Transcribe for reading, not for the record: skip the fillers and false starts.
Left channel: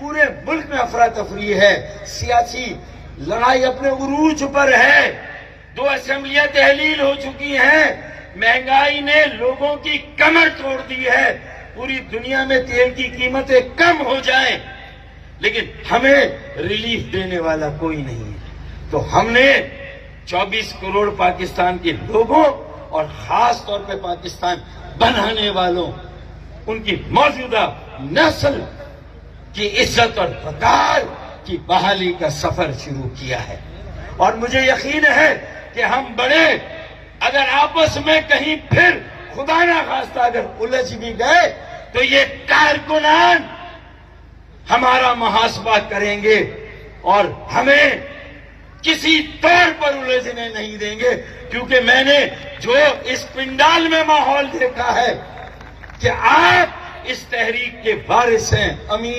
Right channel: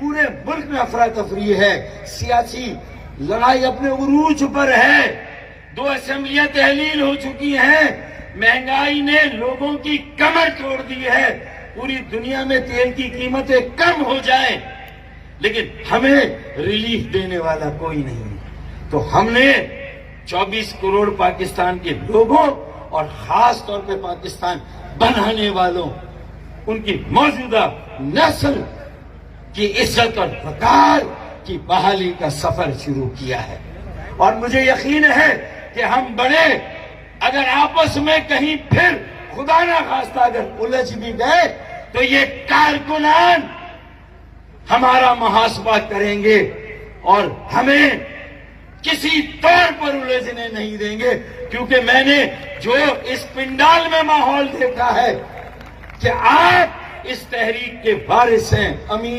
पूरे मुल्क में अफरा तफरी है, सियासी लड़ाई अपने उरूज पर है। 2 असेंबलियां तहलील हो चुकी हैं, महंगाई ने लोगों की कमर तोड़ दी है। पूरी दुनिया में तेल की कीमतें कम हो जाएं, लेकिन हमें रिलीफ देने वाला कोई नहीं है। तो हमने 24 करोड़ पाकिस्तान के लोगों और खास तौर पर पाकिस्तान बनाने वालों, उनकी मौजूदा नस्ल की इज्जत और वकार की बहाली का सफर शुरू किया है। और मुझे यकीन है कि हम बड़े अगर आपस में कहीं फिर खुदा ना खास्ता अगर उलझ भी गए तो ये कारकुनान हमारा मुहासबा करेंगे और हमें किसी तौर पर उलझने नहीं देंगे, क्योंकि मैंने जो इस पिंडाल में माहौल देखा है कि आप इस तहरीक के वारिस हैं, अमीर